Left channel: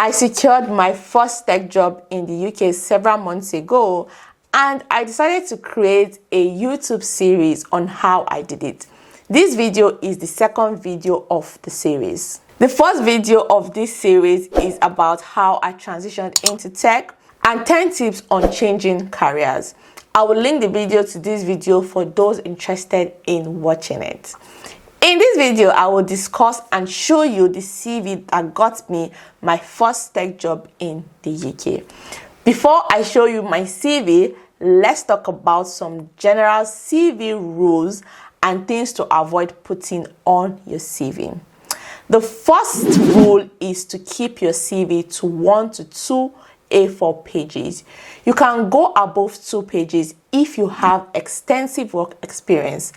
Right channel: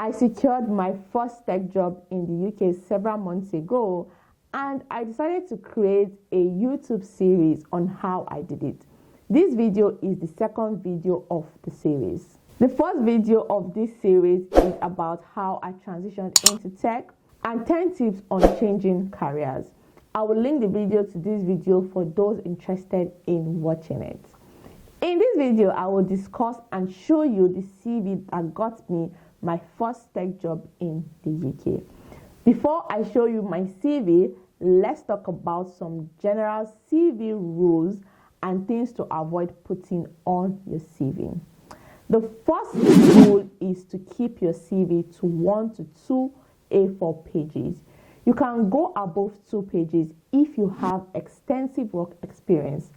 I secured my first tech job in the UK several months ago, and I decided to create a YouTube series on how I did it. This video is the second video of the series. The first video of this series is about how I transitioned into tech and 10 tips on changing careers. I will link the video to this video for those interested in watching it. In this video, I will discuss and show you the CV that got me my first tech job in the UK. Before I show you my CV, let's talk about some general CV rules and things to avoid putting on your CV. The first rule is to keep your CV to 1 to 2 A4 pages. You can go above 2 pages if you have extensive work experience.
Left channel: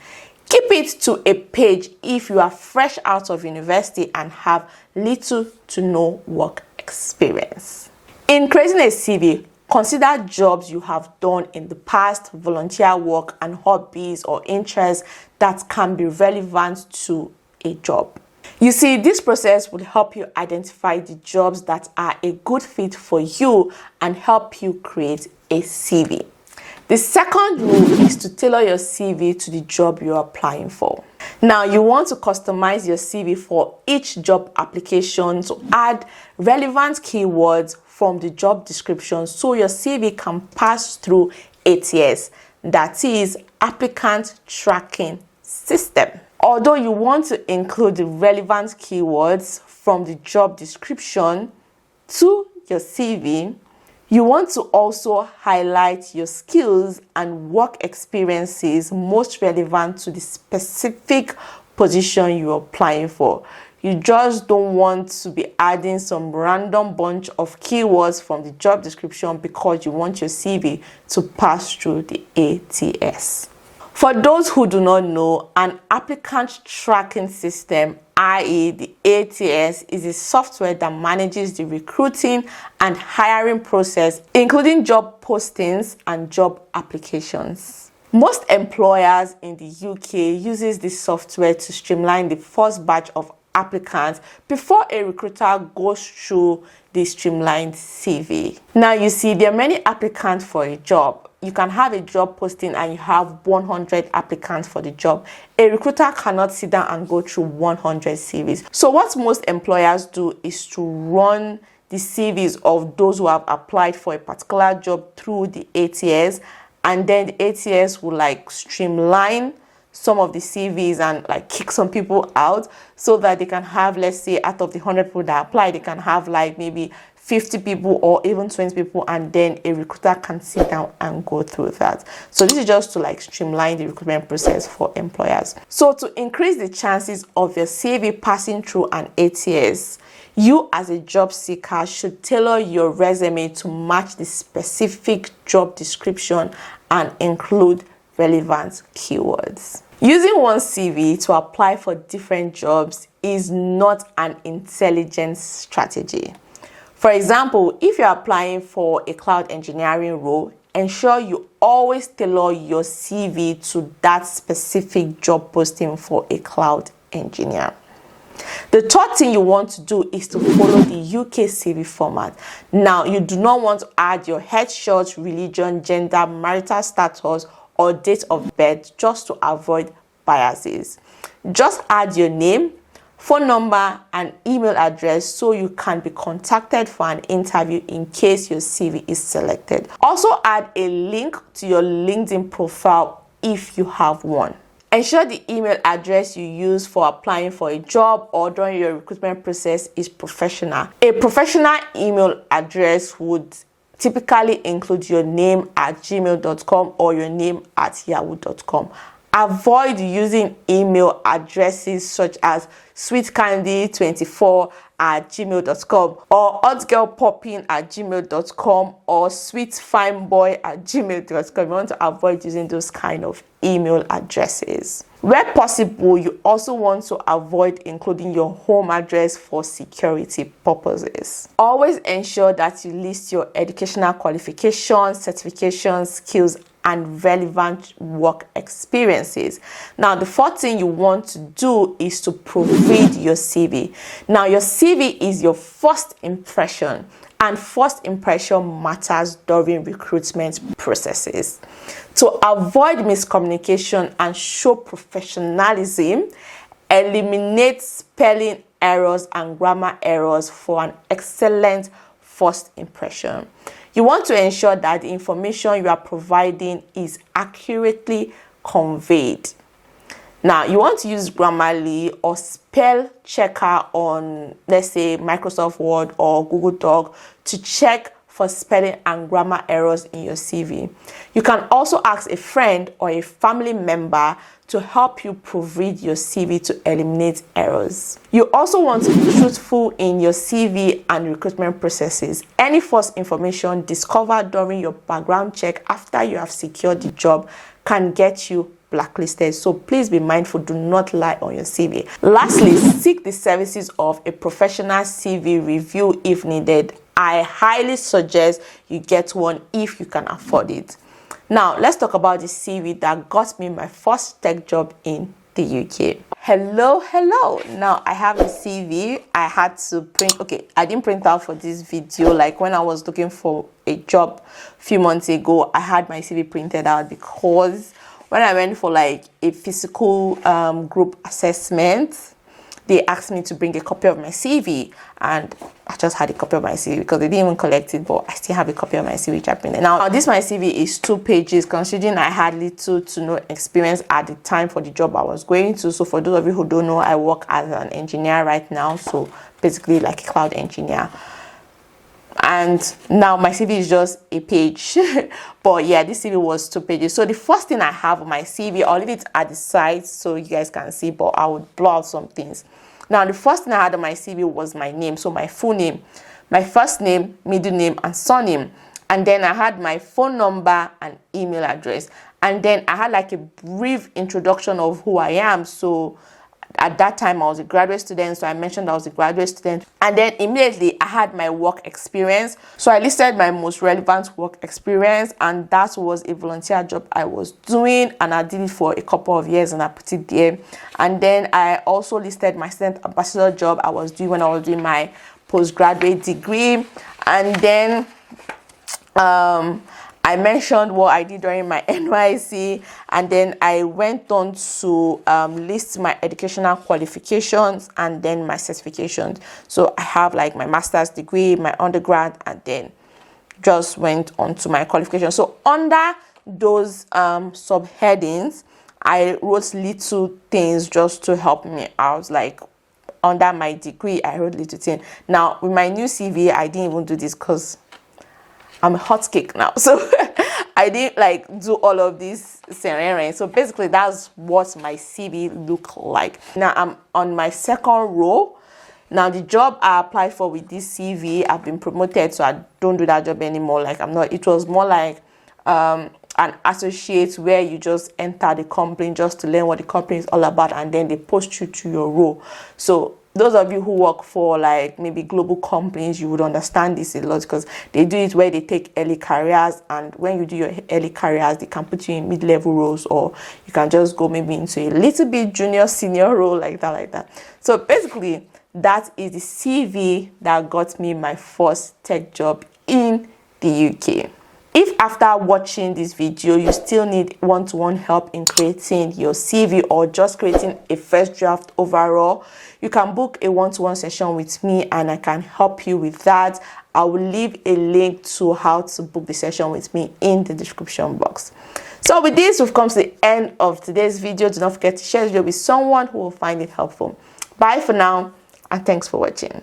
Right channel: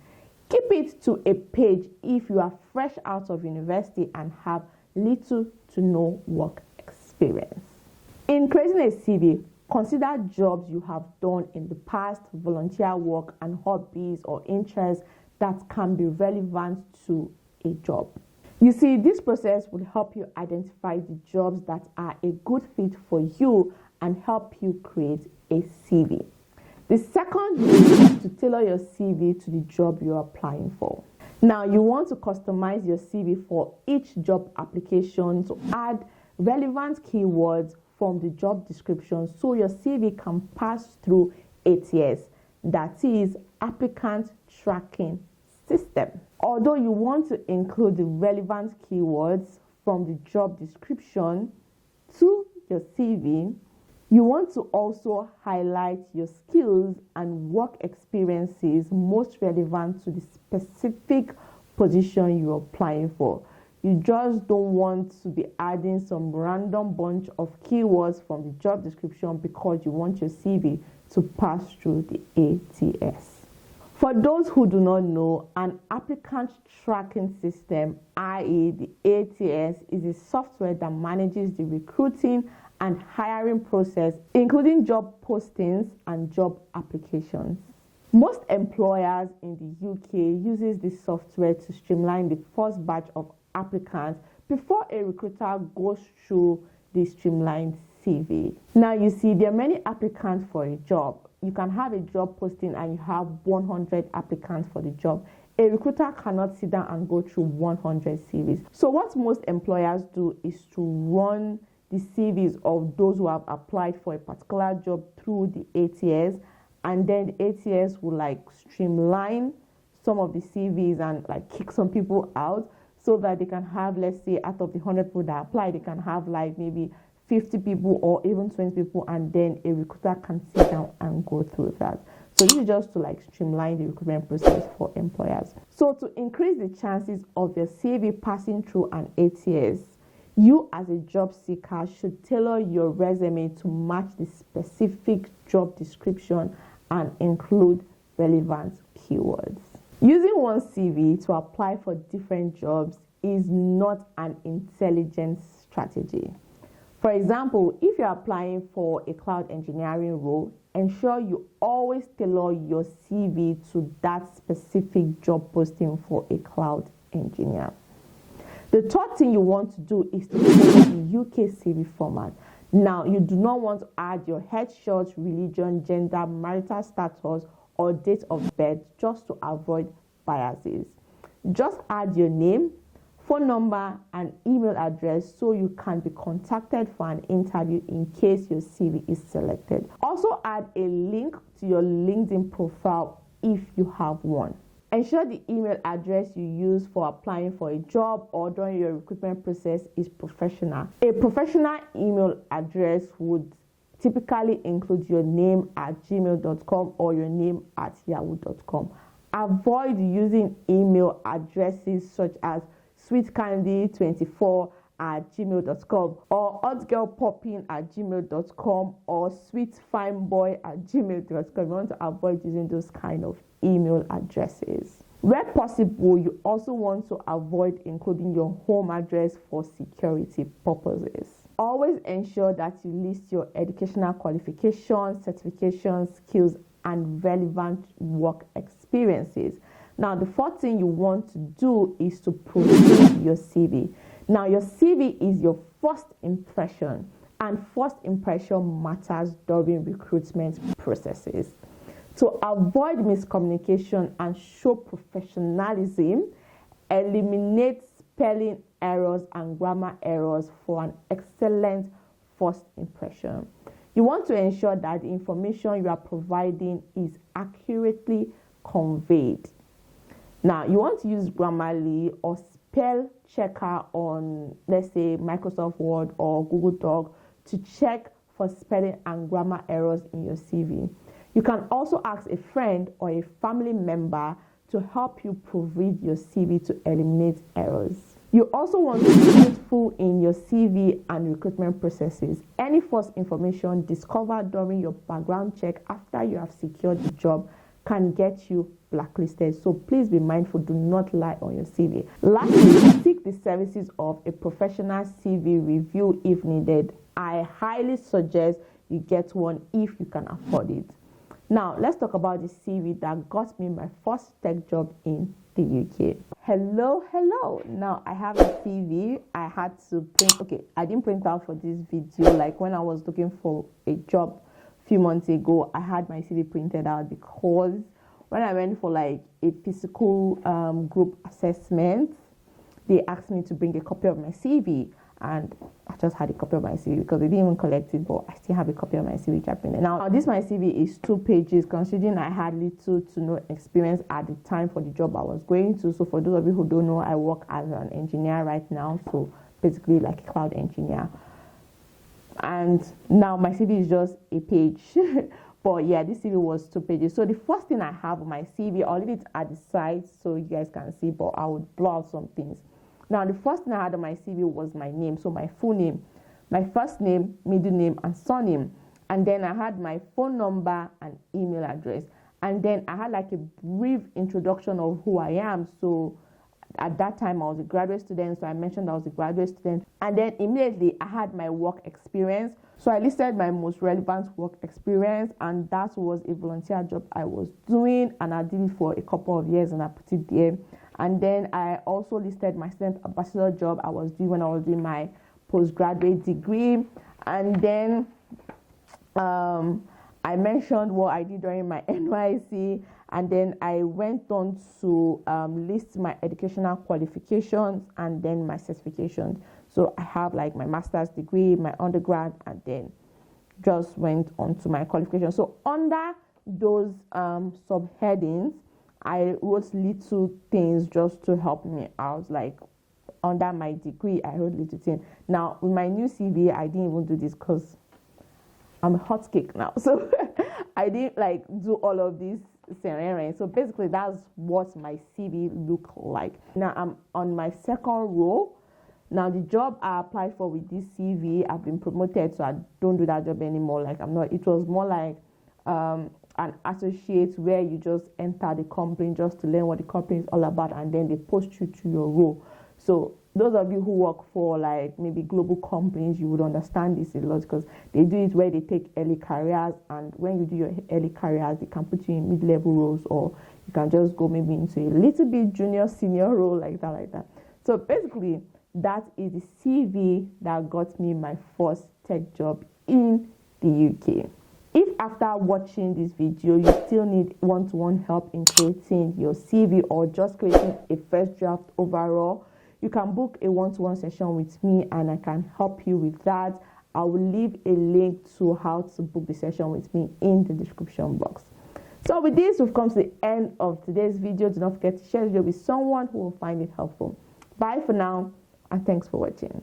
Keep it to a page if you are fresh out of university and have little to no work experience. In creating a CV, consider jobs you have done in the past, volunteer work, and hobbies or interests that can be relevant to a job. You see, this process will help you identify the jobs that are a good fit for you and help you create a CV. The second rule is to tailor your CV to the job you're applying for. Now, you want to customize your CV for each job application to add relevant keywords from the job description so your CV can pass through ATS, that is Applicant Tracking System. Although you want to include the relevant keywords from the job description to your CV, you want to also highlight your skills and work experiences most relevant to the specific position you're applying for. You just don't want to be adding some random bunch of keywords from the job description because you want your CV to pass through the ATS. For those who do not know, an applicant tracking system, i.e. the ATS, is a software that manages the recruiting and hiring process, including job postings and job applications. Most employers in the UK uses this software to streamline the first batch of applicants before a recruiter goes through the streamlined CV. Now you see, there are many applicants for a job. You can have a job posting and you have 100 applicants for the job. A recruiter cannot sit down and go through 100 CVs. So what most employers do is to run the CVs of those who have applied for a particular job through the ATS, and then the ATS will streamline some of the CVs and kick some people out so that they can have, let's say, out of the 100 people that apply, they can have maybe 50 people or even 20 people, and then a recruiter can sit down and go through that. So this is just to streamline the recruitment process for employers. So to increase the chances of your CV passing through an ATS, you as a job seeker should tailor your resume to match the specific job description and include relevant keywords. Using one CV to apply for different jobs is not an intelligent strategy. For example, if you're applying for a cloud engineering role, ensure you always tailor your CV to that specific job posting for a cloud engineer. The third thing you want to do is to follow the UK CV format. Now, you do not want to add your headshot, religion, gender, marital status, or date of birth just to avoid biases. Just add your name, phone number, and email address so you can be contacted for an interview in case your CV is selected. Also add a link to your LinkedIn profile if you have one. Ensure the email address you use for applying for a job or during your recruitment process is professional. A professional email address would typically include your name at gmail.com or your name at yahoo.com. Avoid using email addresses such as sweetcandy24@gmail.com or hotgirlpopping@gmail.com or sweetfineboy@gmail.com. You want to avoid using those kind of email addresses. Where possible, you also want to avoid including your home address for security purposes. Always ensure that you list your educational qualifications, certifications, skills, and relevant work experiences. Now, the fourth thing you want to do is to proofread your CV. Now, your CV is your first impression, and first impression matters during recruitment processes. To avoid miscommunication and show professionalism, eliminate spelling errors and grammar errors for an excellent first impression. You want to ensure that the information you are providing is accurately conveyed. Now, you want to use Grammarly or spell checker on, let's say, Microsoft Word or Google Doc to check for spelling and grammar errors in your CV. You can also ask a friend or a family member to help you proofread your CV to eliminate errors. You also want to be truthful in your CV and recruitment processes. Any false information discovered during your background check after you have secured the job can get you blacklisted. So please be mindful, do not lie on your CV. Lastly, seek the services of a professional CV review if needed. I highly suggest you get one if you can afford it. Now, let's talk about the CV that got me my first tech job in the UK. Hello. Now, I have a CV. I had to print, I didn't print out for this video. Like when I was looking for a job a few months ago, I had my CV printed out because when I went for like a physical group assessment, they asked me to bring a copy of my CV, and I just had a copy of my CV because they didn't even collect it, but I still have a copy of my CV which I printed. Now, this my CV is 2 pages, considering I had little to no experience at the time for the job I was going to. So for those of you who don't know, I work as an engineer right now, so basically like a cloud engineer. And now my CV is just a page. But yeah, this CV was 2 pages. So the first thing I have on my CV, I'll leave it at the side so you guys can see, but I would blur out some things. Now, the first thing I had on my CV was my name. So my full name, my first name, middle name, and surname. And then I had my phone number and email address. And then I had like a brief introduction of who I am. So at that time, I was a graduate student, so I mentioned I was a graduate student. And then immediately, I had my work experience. So I listed my most relevant work experience, and that was a volunteer job I was doing, and I did it for a couple of years, and I put it there. And then I also listed my student ambassador job I was doing when I was doing my postgraduate degree. And then I mentioned what I did during my NYC, and then I went on to list my educational qualifications and then my certifications. So I have like my master's degree, my undergrad, and then just went on to my qualifications. So under those subheadings, I wrote little things just to help me out. Like under my degree, I wrote little things. Now with my new CV, I didn't even do this because I'm a hot cake now, so I didn't like do all of this scenario. So basically, that's what my CV looked like. Now I'm on my second row. Now the job I applied for with this CV, I've been promoted, so I don't do that job anymore. Like I'm not. It was more like an associate where you just enter the company just to learn what the company is all about, and then they post you to your role. So those of you who work for like maybe global companies, you would understand this a lot because they do it where they take early careers, and when you do your early careers, they can put you in mid-level roles, or you can just go maybe into a little bit junior, senior role like that. So basically, that is the CV that got me my first tech job in the UK. If after watching this video, you still need one-to-one help in creating your CV or just creating a first draft overall, you can book a one-to-one session with me and I can help you with that. I will leave a link to how to book the session with me in the description box. So with this, we've come to the end of today's video. Do not forget to share this video with someone who will find it helpful. Bye for now, and thanks for watching.